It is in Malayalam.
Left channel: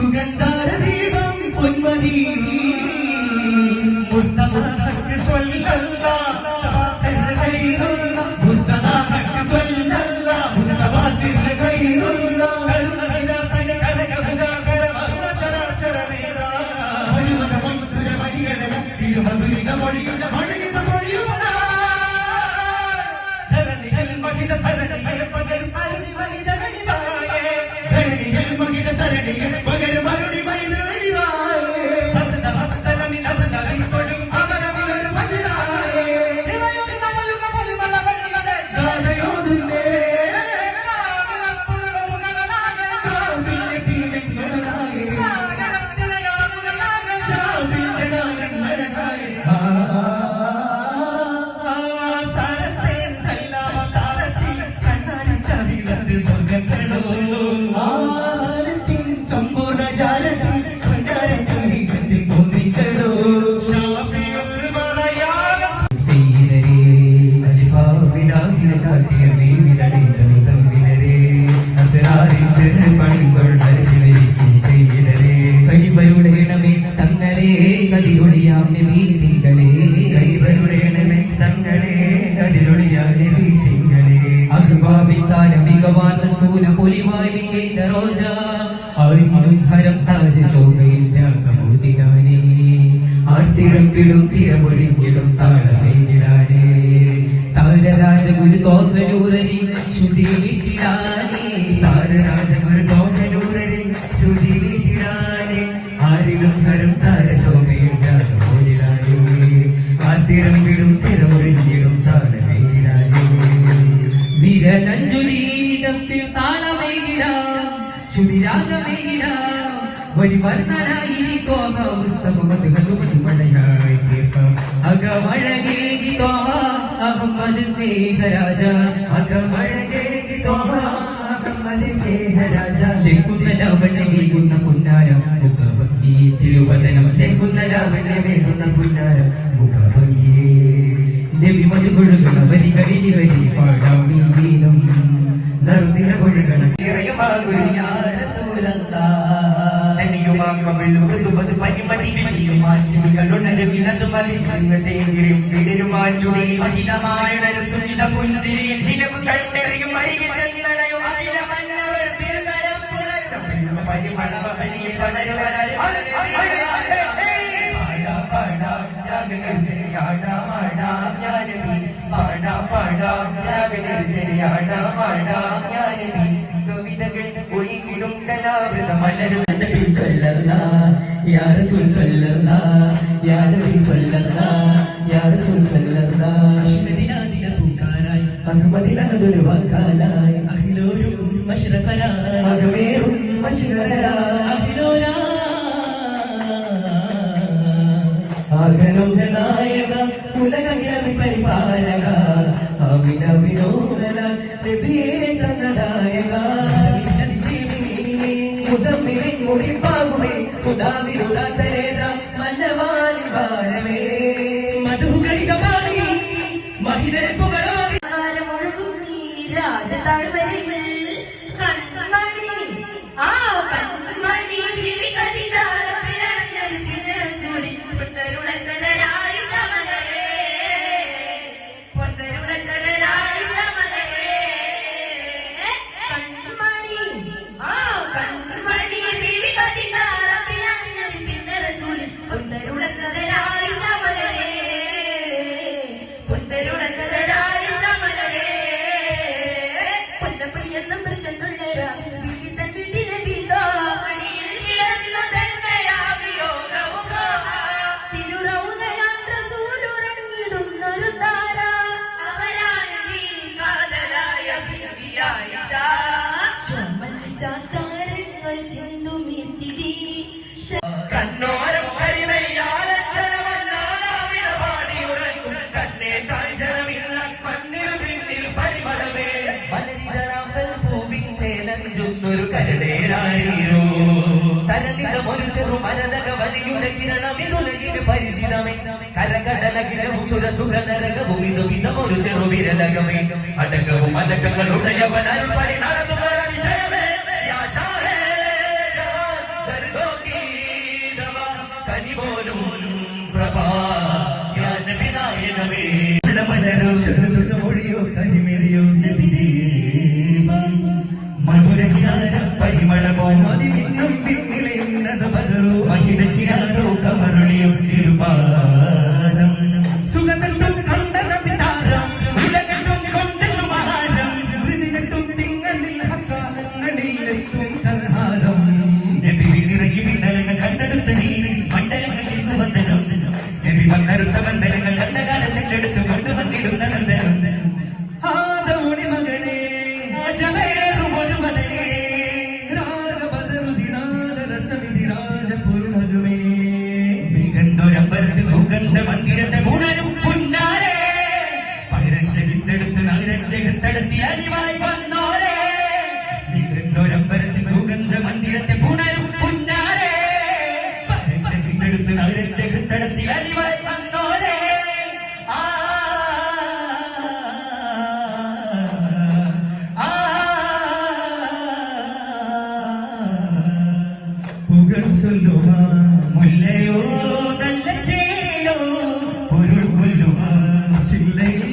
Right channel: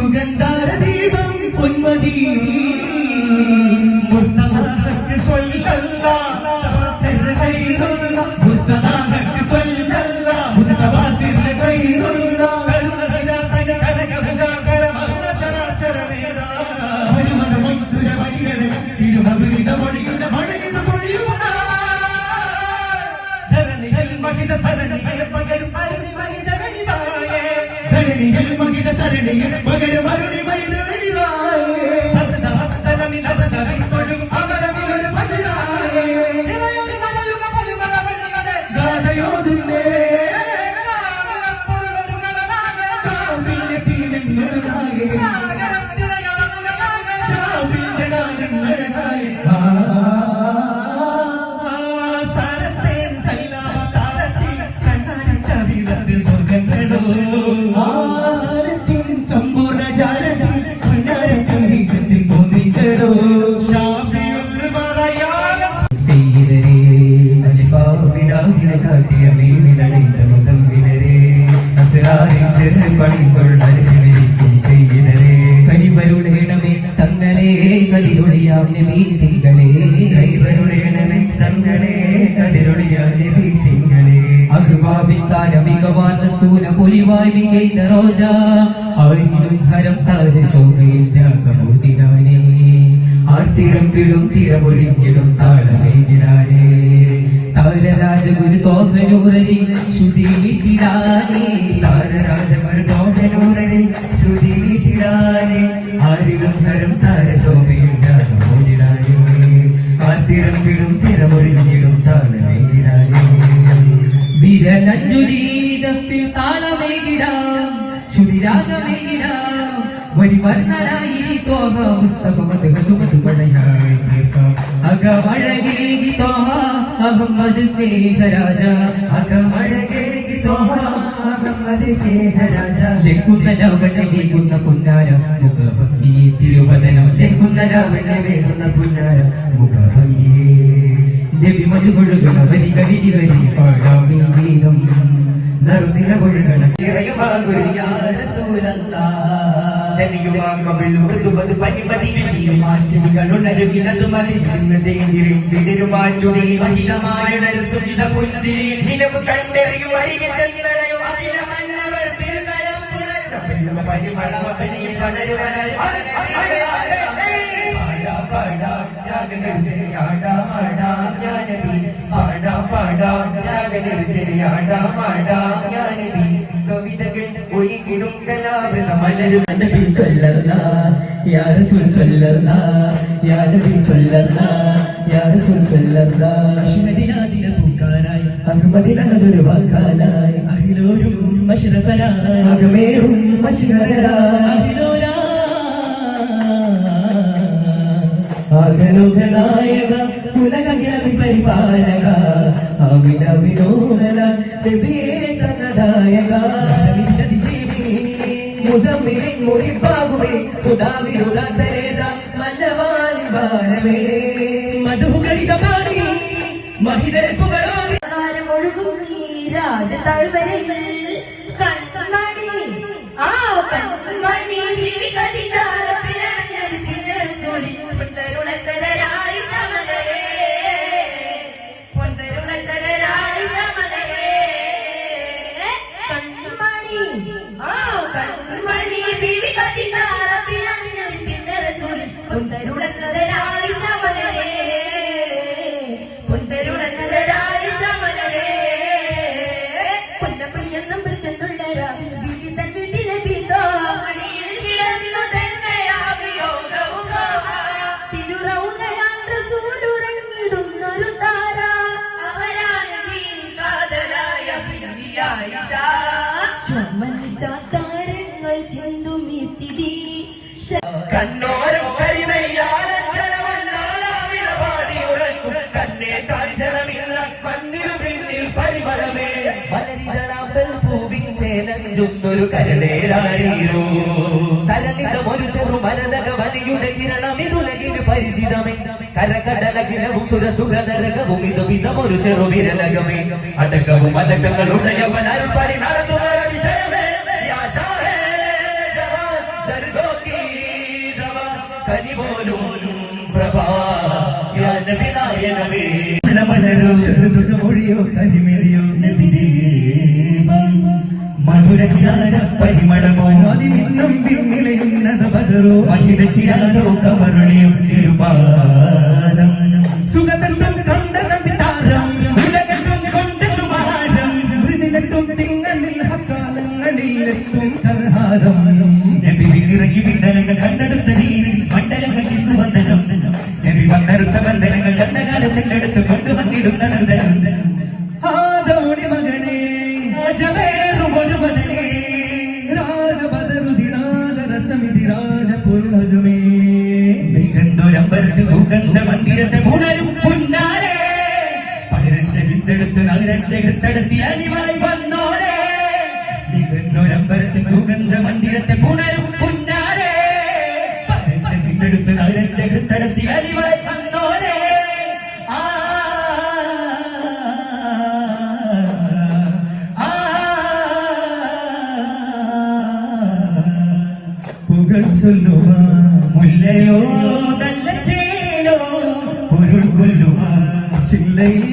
സുഗന്ധാരദീപം പൊന്മതി മുർത്തദാഹക്ക് സ്വല്ലല്ലാഹ് സല്ലല്ലാഹു മുർത്തദാഹക്ക് സ്വല്ലല്ലാഹ് മുസ്തഫാസിർ ഖൈറുല്ലാഹ് കരുണ കനകവന ചരചരനേദാ ഹരിവന മൻസുര മരിയന തിരുമവിളിത മൊഴിയുന്ന മഴയുന്ന മൊഴിയുന്ന ധരണികൾ മഹിത സരണികൾ പകരും അരുണി മഹിത വനിതായേ ധരണികൾ മഹിത സരണികൾ പകരും അരുണി മഹിത വനിതായേ സർദാത്തലമി നരദവി തൊഴും അമരമലർ ഭജനായേ നിലയൊരു നമലുക പരുമല വഴിയുടെ ഗാഥയോതിന്റെ കാമിലപ്പുറകളുകളായ കാമിലത്തിലെങ്ങനായേ സാഗരത്തിലകളമുകളായ ചാവിൽ ജനാലെന്നഴകായ സാരസ്തേൻ സൈലാവതാരത്തിൽ കണ്ണാടി കവിവത് സ്വർഗങ്ങളോ സമ്പൂർണ്ണ ജാലത്തിൽ പൊന്നാരക്കരീക്ഷത്തിൽ തോന്നിക്കടോ ഷാഫിയുൽ മലയാള സയ്യിദരേ അലിഫാവിലാഹിനെ കാട്ടിയ മേലിലണിந்த മുസമ്മിനരേ അസ്റാറിൽ ചെറു പണികൾ അരിശിവരിക്കും സയ്യിദരേ കനിവരുടേണമേ തങ്ങളെ കതിരൊളിയാം നബി തിങ്കളേ കനിവരുടേണമേ തങ്ങളെ കതിരൊളിയാം നബി തിങ്കളേ അഖ്ബാബിത്താന മികവാൻ സൂന പൊലിവായി വികൈത റോജ ആയിരം ഹരം താര ശോഭയില്ല കമോതിരാനേ ആർത്തിരം പിടും തിരമൊഴിഞ്ഞിടും താളമേകിടാനേ താരരാജഗുരു തോന്നൂരരി ശ്രുതിയിട്ടിടാനേ താരരാജഗുരു തോന്നൂരരി ശ്രുതിയിട്ടിടാനേ ആയിരം ഹരം താര ശോഭയില്ല കമോതിരാനേ ആർത്തിരം പിടും തിരമൊഴിഞ്ഞിടും താളമേകിടാനേ വിരലഞ്ജുലീതത്തിൽ താളമേകിടാം ചുരിരാഗമേകിടാം വരിവർണ്ണനായി തോക പുസ്തകമതകളുമതുമണയായി കേൾക്കാം അകമഴകേകി തോഹ അഹമ്മദ് സ്നേഹരാജ അകമഴകേകി തോഹ അഹമ്മദ് സ്നേഹരാജ ലംഘുന്ന ലാവണ്യമേകുന്ന പുന്നാര മുഖഭംഗി തിരുവദനം ലംഘുന്ന ലാവണ്യമേകുന്ന പുന്നാര മുഖഭംഗി നബി മധുപൊഴുകുന്ന വരികളിൽ വരി പാടാമീ ഗീതം നറുനില പൊഴുകണ മൃദുമത് പരിപതി മാനസികളുണരുകിടത് മതിയും വിടരുമാറ്റുടി മഹിതമായ സുഖിത പുഞ്ചിരി നിലവ് കണ്ടെറിയും അരികെ ചെന്നരയും പരിമളമണിയിൽ പടരുവനായി കവിതകൾ ഒരിക്കലും കലാവൃതമല്ലൊരു നബി സല്ലല്ലാഹ് യാ റസൂൽ സല്ലല്ലാഹ് യാ നബി സല്ലല്ലാഹ് യാ റസൂൽ സല്ലല്ലാഹ് അഷ്നദിനാദിന പൂക്കാനായി അഹമ്മദിനൊരു വാക്കാനായി അഹിലോരും മശ്റഫരായി അകമേറും മശ്റഫരായി അഹിലോലാ ആഗനുഗനായക ഉലകജാതി പരിപാലക അമിന വിനോദന നബിയേ തന്നദായക മുസമ്മിലിൻ മുടിപ്പാകുമേ തുദാവിരുദാതരേത മന്നവാലി വാനമേ മധുകളിത പാടി മഹിതേ പുകഴാടി ഒഴുകും ഈ രാജതാഴ്വരയിൽ കൺമണി ആ കൺമണി വിളികരിതാര പിഴഞ്ഞത് പിഴസൂടി പൊന്തരുളത്തരായി സമലരേ പൊന്തരുളത്തരായി സമലരേ കൺമണി ആ കൺമണി വിളികരിതാര പിഴഞ്ഞത് പിഴസൂടി പൊന്തരുളത്തരായി സമലരേ പൊന്തരുളത്തരായി സമലരേ പൊന്നപ്പയ്യെന്നും പിടിച്ചെന്നുള്ള രാവിൽ വീട്ടിൽ വീട്ടിലെ ബീതോ തിരുറൗകയാണ്ടൂരുറങ്ങിടുന്നൊരു താര അവരാണ് കാതലായ മനുഷ്യ താരങ്ങൾ ചെന്തും ഈ സ്ഥിതി കണ്ണോരം തന്നെ കാഞ്ചനമില്ല മണ്ണിൽ പിന്നിൽ പരിമളമേ മലരിതളാമ്പൽ പൂവിൻ ചേനഞ്ചുന്നൊരു കരളേരാരീരൂ തരളിതമൊരു ചെറു മനനക വലിയുടെ കിരണം ഇതുലകിന് പരിചിതമേ കരകടലകിലവും സുരസുരനരകവും ഇതുവിധമൊരു ചെറുവിരലകമേ അടക്കവും അടക്കങ്ങളുടെ യവനാൽപ്പടി നടത്തുന്നതിശയമേ കനിപോലും പ്രഭാ നബിനായനമേ മലരോ മൊഴിയോ കരിമിഴിയോ മധുരകിരാര പരിമളമോ അതിന്നും പിന്നിലെയുന്നത് പകരോ മഹിതച്ചിയാരോ കവരുളിയും തിരുപാലം സുഗതത്തും കണ്ടതാരം ഉലകത്തും കൊണ്ട് സുമാരം മൃദിനത്തും തിങ്കളിൽ ഹക്കാലങ്ങളിൽ എത്തും കൽഹാരം ഇറങ്ങി വിണ്ടനങ്ങൾ കണ്ടെടുത്ത നീരി മണ്ഡലങ്ങൾ ഇന്ന് വന്ദനം നബി വന്നെടുത്ത മണ്ഡലങ്ങൾ കണ്ടകാല ചെണ്ടെടുത്ത് കൊണ്ടുവന്നിടുന്ന നന്ദനം ആദോണി മകനെ രാജവേറും ഒരു മകനെ രാജപദരുതിരാജരസമിതി രാജപൂർണകമേ മികന്തൊരമ്പരത്ത് സുഗന്ധ മന്ദിരത്തെ പുണരും പുന്നാരെ പകരന്റെ ചിത്തെടുത്ത് നഗരന്റെ എടുത്തെടുത്തി അണിവായി വന്നോരെ മികന്തൊരമ്പരത്ത് സുഗന്ധ മന്ദിരത്തെ പുണരും പുന്നാരെ പകരന്റെ ചിത്തെടുത്ത് നഗരന്റെ എടുത്തെടുത്തി അണിവായി വന്നോരെ പുകൾ ചൊല്ലുക മുല്ലയോ നല്ല ചേലോ പൊരുൾ കൊല്ലുക ചില്ലയിൽ